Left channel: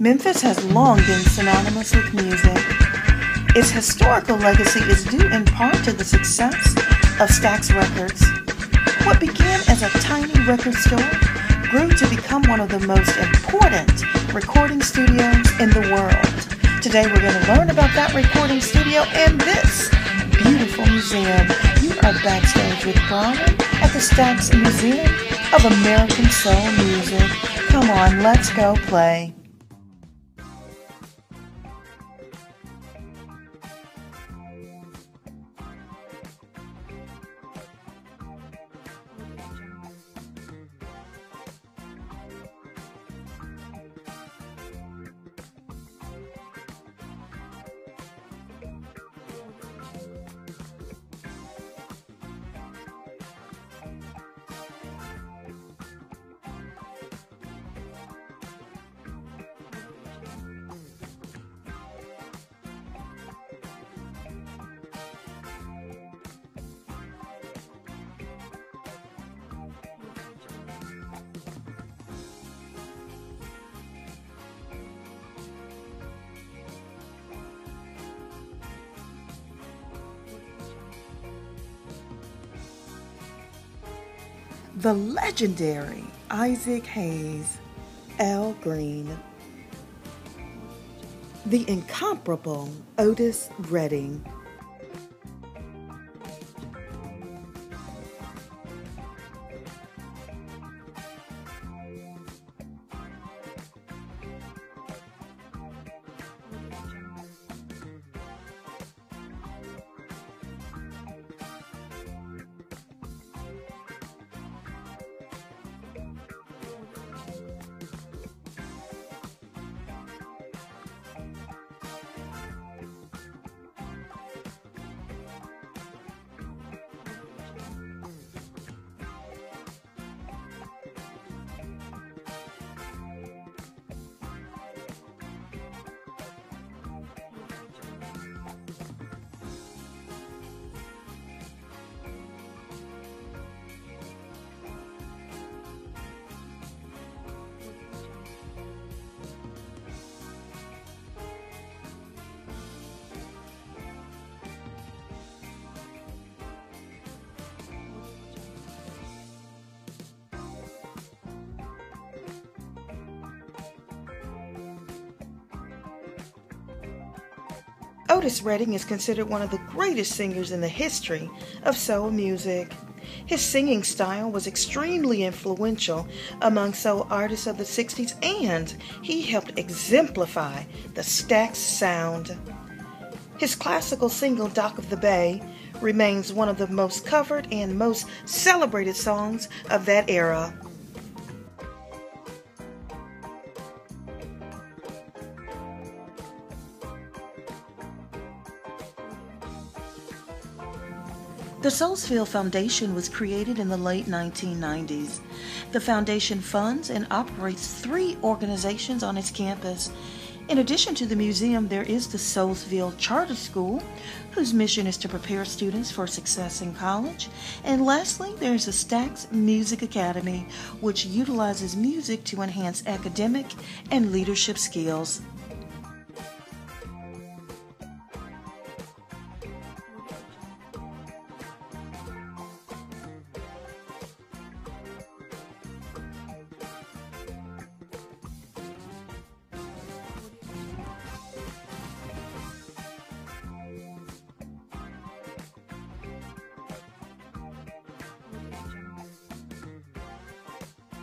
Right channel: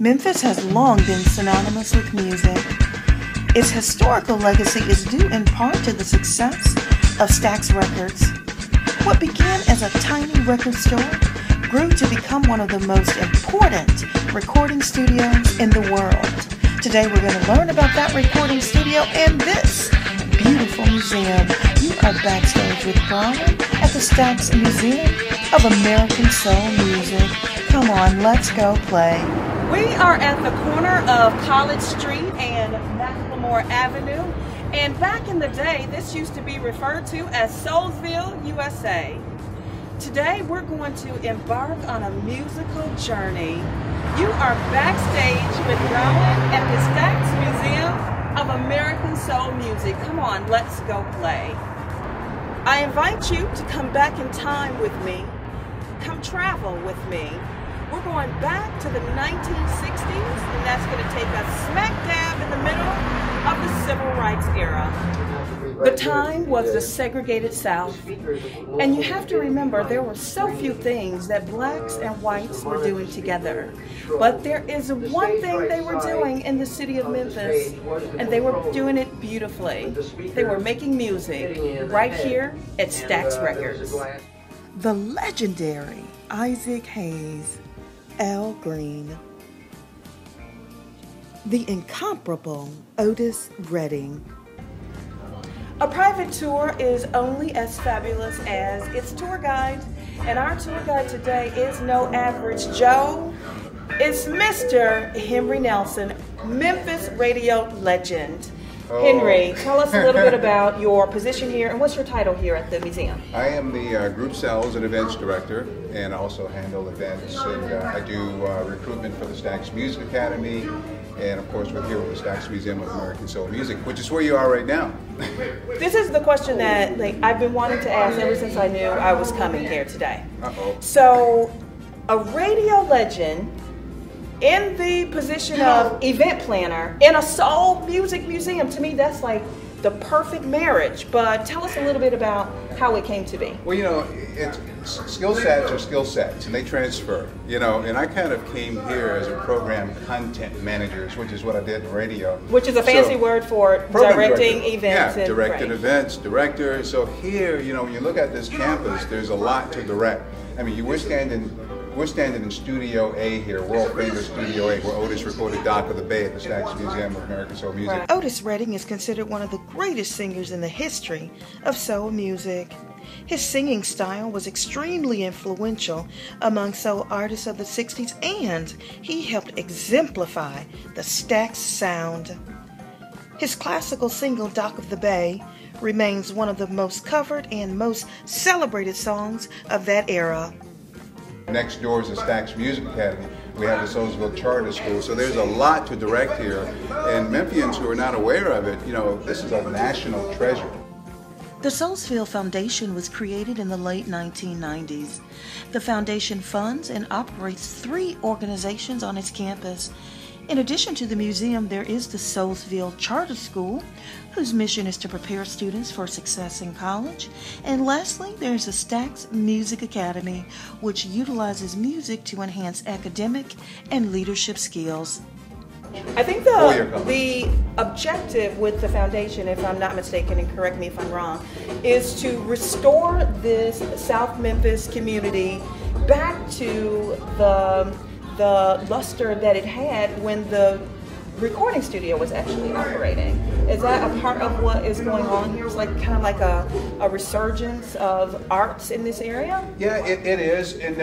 Memphis has long been synonymous with music. Its historical legacy is due in part to the success of Stax Records. What began as a tiny record store grew to become one of the most important recording studios in the world. Today we're going to learn about that recording studio and this beautiful museum. You are backstage with Brawin at the Stax Museum of American Soul Music. Come on, let's go play. We are at the corner of College Street and McLemore Avenue, and back in the day this used to be referred to as Soulsville, USA. Today we're going to embark on a musical journey. You are backstage with Brawin at the Stax Museum of American Soul Music. Come on, let's go play. I invite you to come back in time with me. Come travel with me. We're going back to the 1960s, and that's going to take us smack dab in the middle of the Civil Rights era. The time was the segregated South, and you have to remember there were so few things that blacks and whites were doing together. But there is one thing they were doing in the city of Memphis, and they were doing it beautifully. They were making music right here at Stax Records. The legendary Isaac Hayes, Al Green, the incomparable Otis Redding. A private tour is only as fabulous as its tour guide, and our tour guide today is no average Joe. It's Mr. Henry Nelson, Memphis radio legend. Henry, tell us a little bit about your position here and what's your title here at the museum? I am the Group Sales and Events Director, and also handle events, and I do recruitment for the Stax Music Academy, and of course we're here with the Stax Museum of American Soul Music, which is where you are right now. This is the question that I've been wanting to ask ever since I knew I was coming here today. So, a radio legend in the position of event planner in a soul music museum, to me that's like the perfect marriage. But tell us a little bit about how it came to be. Well, you know, skill sets are skill sets, and they transfer, you know, and I kind of came here as a program content manager, which is what I did in radio. Which is a fancy word for directing events. Yeah, directing events, director. So here, you know, when you look at this campus, there's a lot to direct. I mean, we're standing in Studio A here, world famous Studio A, where Otis recorded Dock of the Bay at the Stax Museum of American Soul Music. Right. Otis Redding is considered one of the greatest singers in the history of soul music. His singing style was extremely influential among soul artists of the 60s, and he helped exemplify the Stax sound. His classical single, Dock of the Bay, remains one of the most covered and most celebrated songs of that era. Next door is the Stax Music Academy. We have the Soulsville Charter School, so there's a lot to direct here. And Memphians who are not aware of it, you know, this is a national treasure. The Soulsville Foundation was created in the late 1990s. The foundation funds and operates 3 organizations on its campus. In addition to the museum, there is the Soulsville Charter School, whose mission is to prepare students for success in college. And lastly, there is the Stax Music Academy, which utilizes music to enhance academic and leadership skills. I think the objective with the foundation, if I'm not mistaken, and correct me if I'm wrong, is to restore this South Memphis community back to the luster that it had when the recording studio was actually operating. Is that a part of what is going on here? It's like kind of like a resurgence of arts in this area? Yeah, it is, and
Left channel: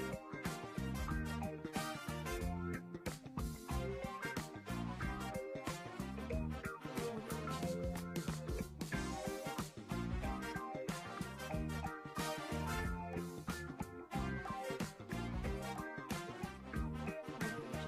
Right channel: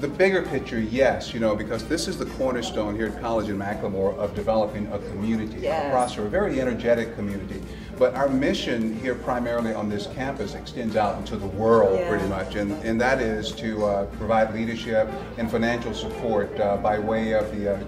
the bigger picture, yes, you know, because this is the cornerstone here at College in McLemore of developing a community, a prosperous, very energetic community. But our mission here primarily on this campus extends out into the world pretty much, and that is to provide leadership and financial support by way of the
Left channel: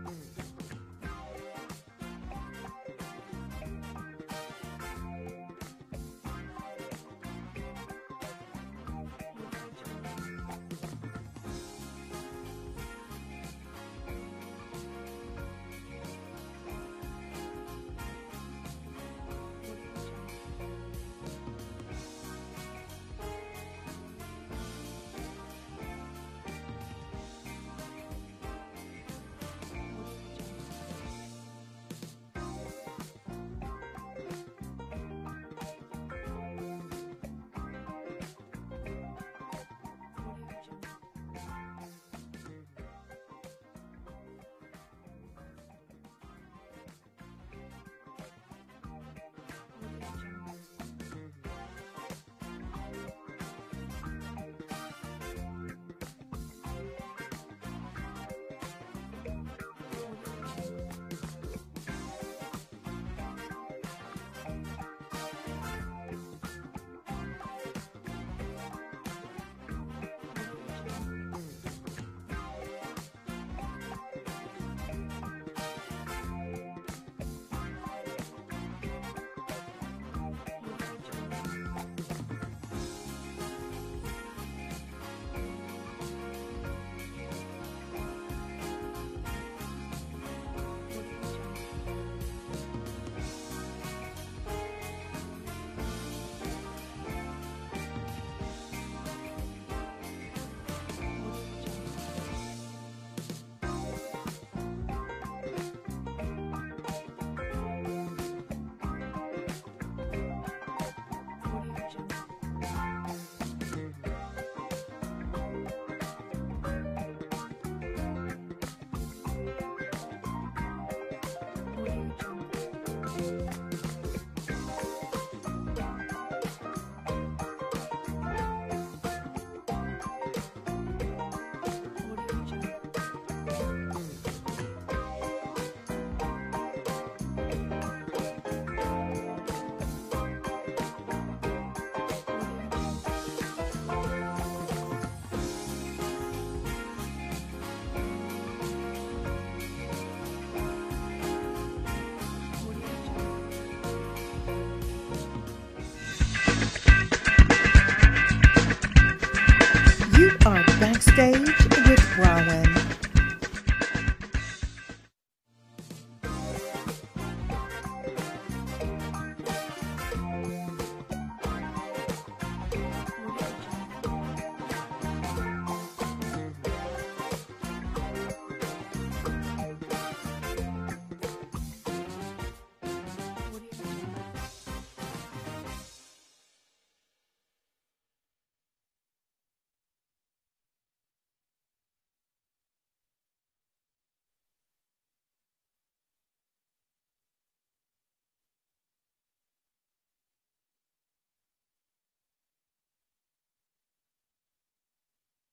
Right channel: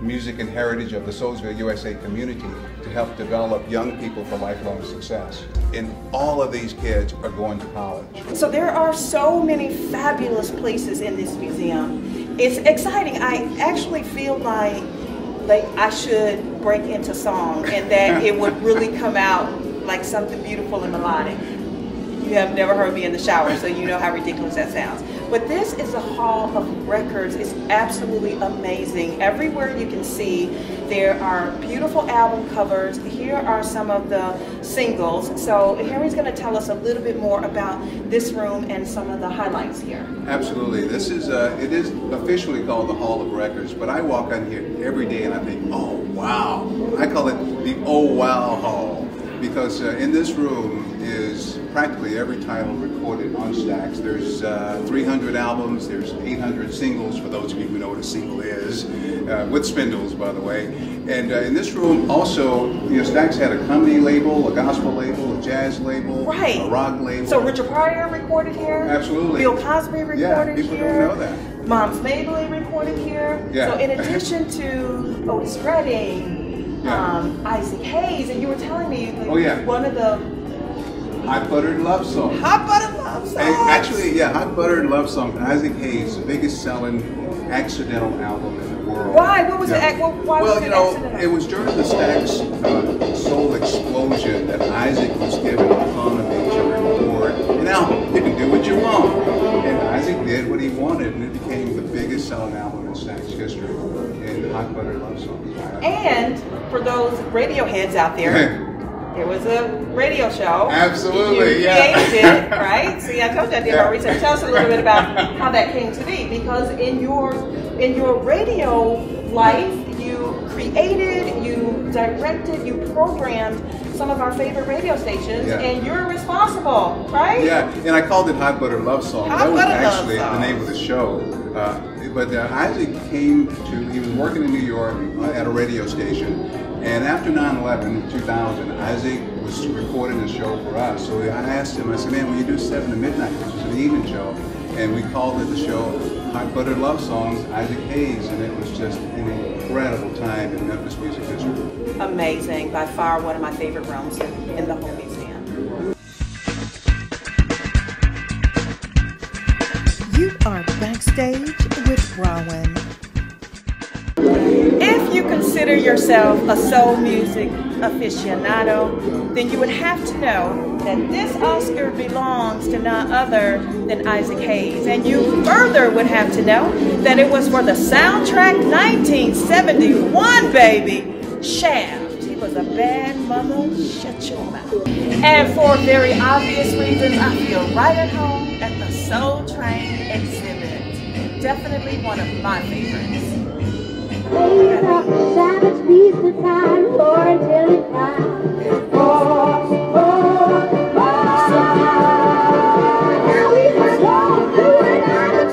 music and heritage of the Soulsville, USA community to help develop young people for lifelong success. And all of these kids are going to college. So there are so many fabulous places in this museum. It's exciting. I actually feel like I should break into song and that it would really come out like something beautiful and melodic. You have never heard me in the shower, so you know how ridiculous that sounds. But this is a hall of records. It's absolutely amazing. Everywhere you can see, there are beautiful album covers. Here are some of the singles. So Henry's going to tell us a little bit more about this room and some of the highlights here. Absolutely. This is, it is officially called the Hall of Records, but I walk on here every day and I think, oh wow. I call it the oh wow hall, because in this room is practically every title recorded on Stax. There's 300 albums, there's 800 singles, for those of you who know what a single is, with spindles, by the way. And in this room also, you know, Stax had a comedy label, a gospel label, a jazz label, right, a rock label. So Richard Pryor recorded here. Absolutely. Bill Cosby recorded here. Yeah, people don't know that. Mom's Mabley recorded here. Yeah. So in addition to Otis Redding, yeah, Isaac Hayes, and you were telling me oh, yeah, one of the Hot Buttered Love Song. Hot Buttered Love Song. Actually, yeah, Hot Buttered Love Song. Isaac Hayes, the biggest selling accidental album in the world. Why? What was yeah. it? Why well, was you know, accidental? it was during the Stax soul explosion that Isaac was given autonomy to record an album. You can do what you want. And Isaac did what he wanted, and it became the biggest selling album in Stax history. And Hot Buttered Love Song. And for those radio heads out there, there was a radio show. Absolutely, you yeah. created it, right? See, I told you I did my research. Tell us a little bit about how that came to be, because in your radio life, you created, you directed, you programmed some of our favorite radio stations, and you're responsible, right? Yeah, and I called it Hot Butter Love Song. That was actually the name of the show. But Isaac came to, he was working in New York at a radio station, and after 9/11 in 2000, Isaac was recording a show for us. So I asked him, I said, man, will you do 7 to midnight? This was an evening show. And we called it the show Hot Buttered Love Songs, Isaac Hayes, and it was just an incredible time in Memphis music history. Amazing. By far one of my favorite rooms in the whole museum. You are backstage with Brawin. If you consider yourself a soul music aficionado, then you would have to know that this Oscar belongs to none other than Isaac Hayes. And you further would have to know that it was for the soundtrack 1971, baby, Shaft. He was a bad mother, shut your mouth. And for very obvious reasons, I feel right at home at the Soul Train exhibit. Definitely one of my favorites. Savage beast of time, roar until it cries. Roar, roar, roar. Now we must go through another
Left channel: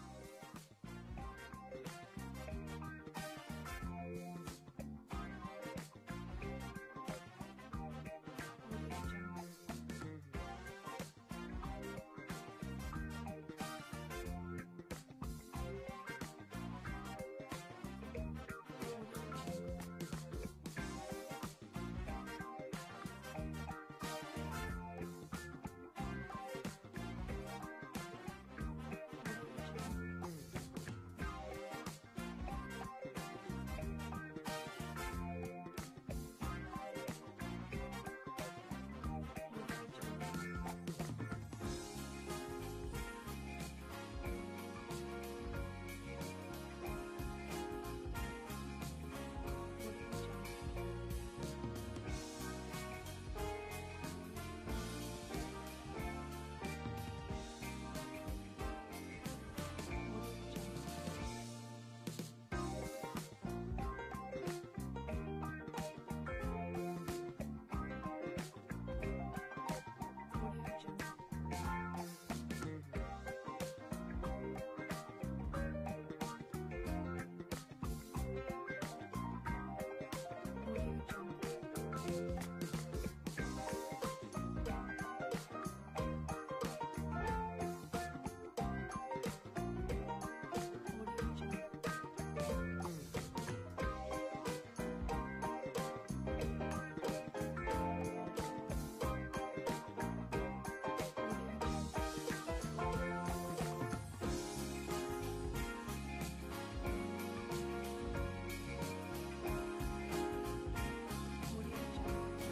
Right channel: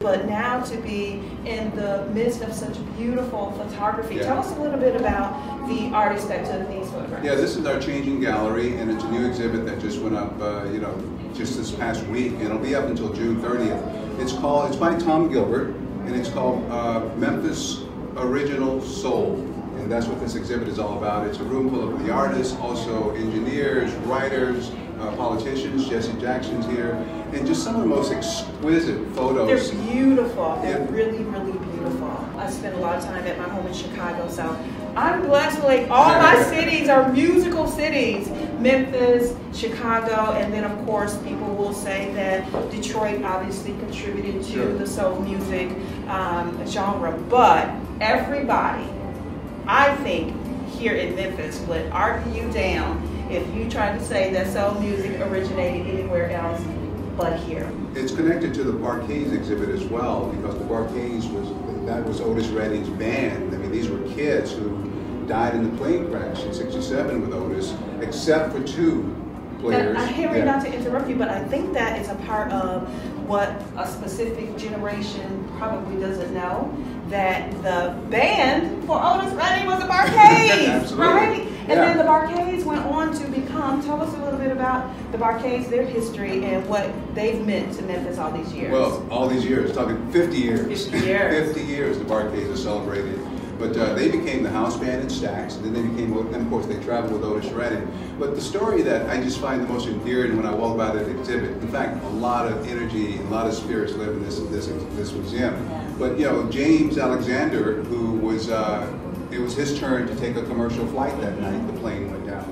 But now to be in the midst of such beautiful photography, tell us a little bit about the artist that took these photographs. Yeah, this is our Changing Gallery, and it's a new exhibit that just went up, you know, just this past week, and it'll be up until June 30th. It's by Tom Gilbert, and it's called Memphis Original Soul. And that's what this exhibit is all about. It's a room full of the artists, also engineers, writers, politicians. Jesse Jackson's here, and just some of the most exquisite photos. They're beautiful. They're really, really beautiful. I spent a lot of time at my home in Chicago, so I'm blessed. Like all my cities are musical cities. Memphis, Chicago, and then of course people will say that Detroit obviously contributed to the soul music genre. But everybody, I think, here in Memphis would argue you down if you tried to say that soul music originated anywhere else but here. It's connected to the Barcades exhibit as well, because the Barcades was Otis Redding's band. I mean, these were kids who died in the plane crash in '67 with Otis, except for 2 players. Henry, not to interrupt you, but I think that is a part of what a specific generation probably doesn't know, that the band for Otis Redding was the Barcades, right? And then the Barcades went on to become, tell us a little bit about the Barcades, their history, and what they've meant to Memphis all these years. Well, all these years, talking 50 years. 50 years. 50 years the Barcades are celebrated. But they became the house band in Stax, and then they became, and of course they traveled with Otis Redding. But the story that I just find the most endearing when I walk by this exhibit, in fact, a lot of energy, a lot of spirits live in this museum. But you know, James Alexander, who was, it was his turn to take a commercial flight that night. The plane went down.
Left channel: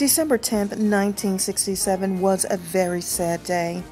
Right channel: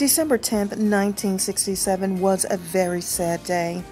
December 10th, 1967 was a very sad day.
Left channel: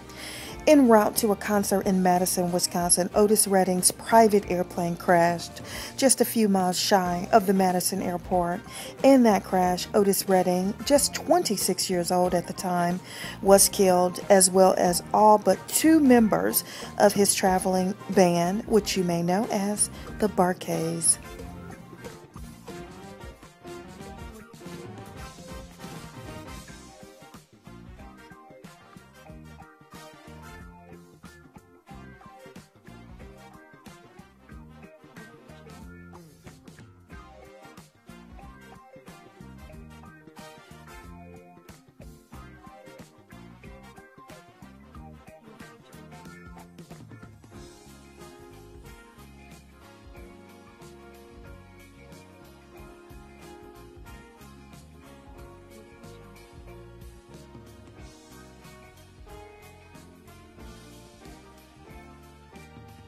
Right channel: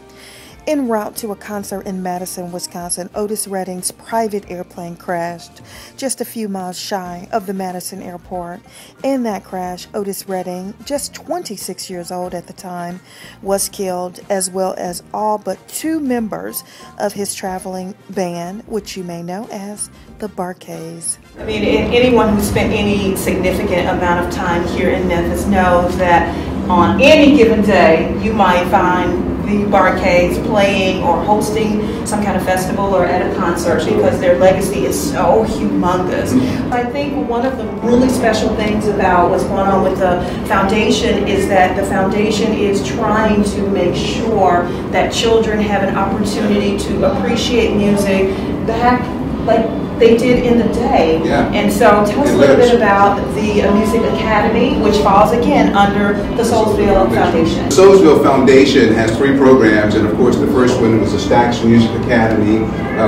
En route to a concert in Madison, Wisconsin, Otis Redding's private airplane crashed just a few miles shy of the Madison airport. In that crash, Otis Redding, just 26 years old at the time, was killed, as well as all but 2 members of his traveling band, which you may know as the Bar-Kays. I mean, anyone who spent any significant amount of time here in Memphis knows that on any given day, you might find the Bar-Kays playing or hosting some kind of festival or at a concert, because their legacy is so humongous. I think one of the really special things about what's going on with the foundation is that the foundation is trying to make sure that children have an opportunity to appreciate music back like they did in the day. Yeah. And so tell us a little bit about the Music Academy, which falls again under the Soulsville Foundation. The Soulsville Foundation has 3 programs, and of course the first one was the Stax Music Academy,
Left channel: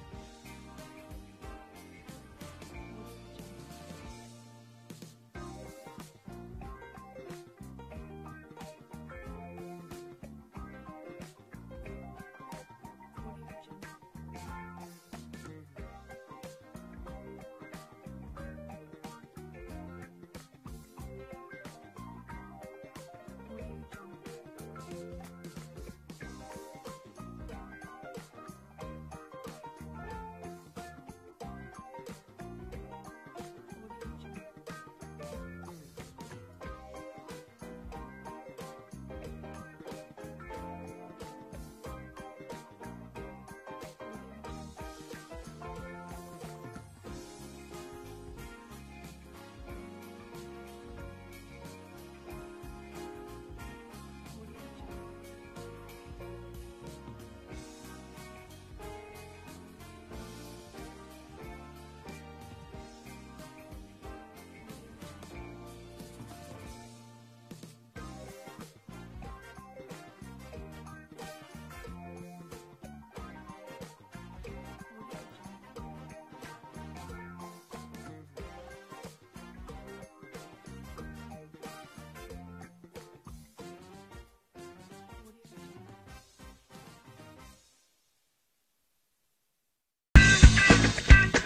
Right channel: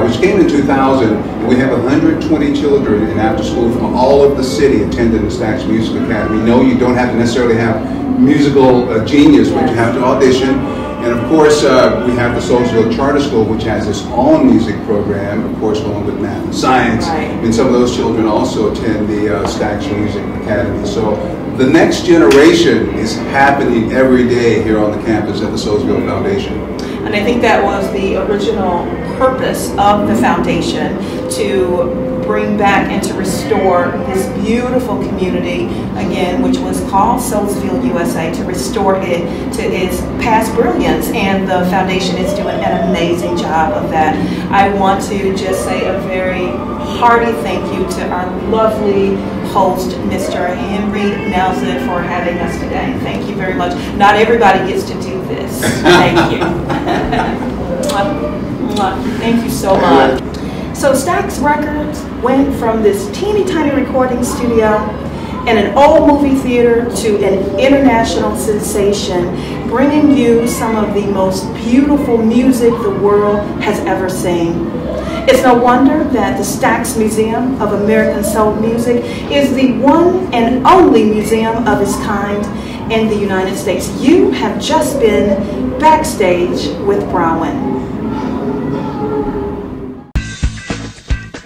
which came in 2000. And we have 120 children in after school from all over the city attending the Stax Music Academy. No, you don't have to necessarily have musical genius, but you have to audition. And of course, we have the Soulsville Charter School, which has its own music program, of course, along with math and science. Right. And some of those children also attend the Stax Music Academy. So the next generation is happening every day here on the campus at the Soulsville Foundation. And I think that was the original purpose of the foundation, to bring back and to restore this beautiful community, again, which was called Soulsville, USA, to restore it to its past brilliance. And the foundation is doing an amazing job of that. I want to just say a very hearty thank you to our lovely host, Mr. Henry Lazar, for having us today. Thank you very much. Not everybody gets to do this. Thank you. Thank you so much. So Stax Records went from this teeny tiny recording studio in an old movie theater to an international sensation, bringing you some of the most beautiful music the world has ever seen. It's no wonder that the Stax Museum of American Soul Music is the one and only museum of its kind in the United States. You have just been backstage with Brawin.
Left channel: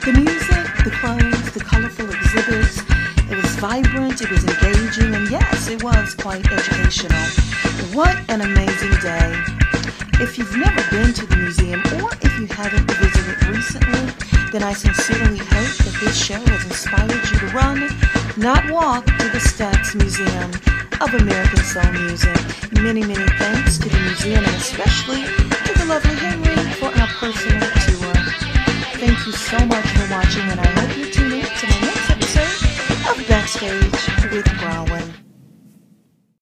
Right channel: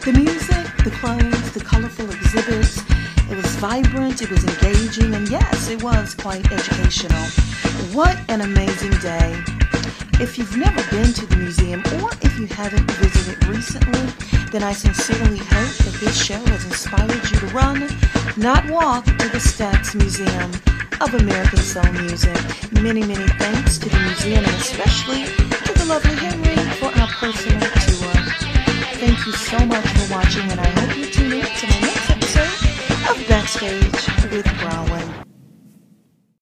The music, the clothes, the colorful exhibits, it was vibrant, it was engaging, and yes, it was quite educational. What an amazing day. If you've never been to the museum, or if you haven't visited recently, then I sincerely hope that this show has inspired you to run, not walk, to the Stax Museum of American Soul Music. Many, many thanks to the museum, and especially to the lovely Henry for our personal tour. Thank you so much for watching, and I hope you tune in to my next episode of Backstage with Brawin.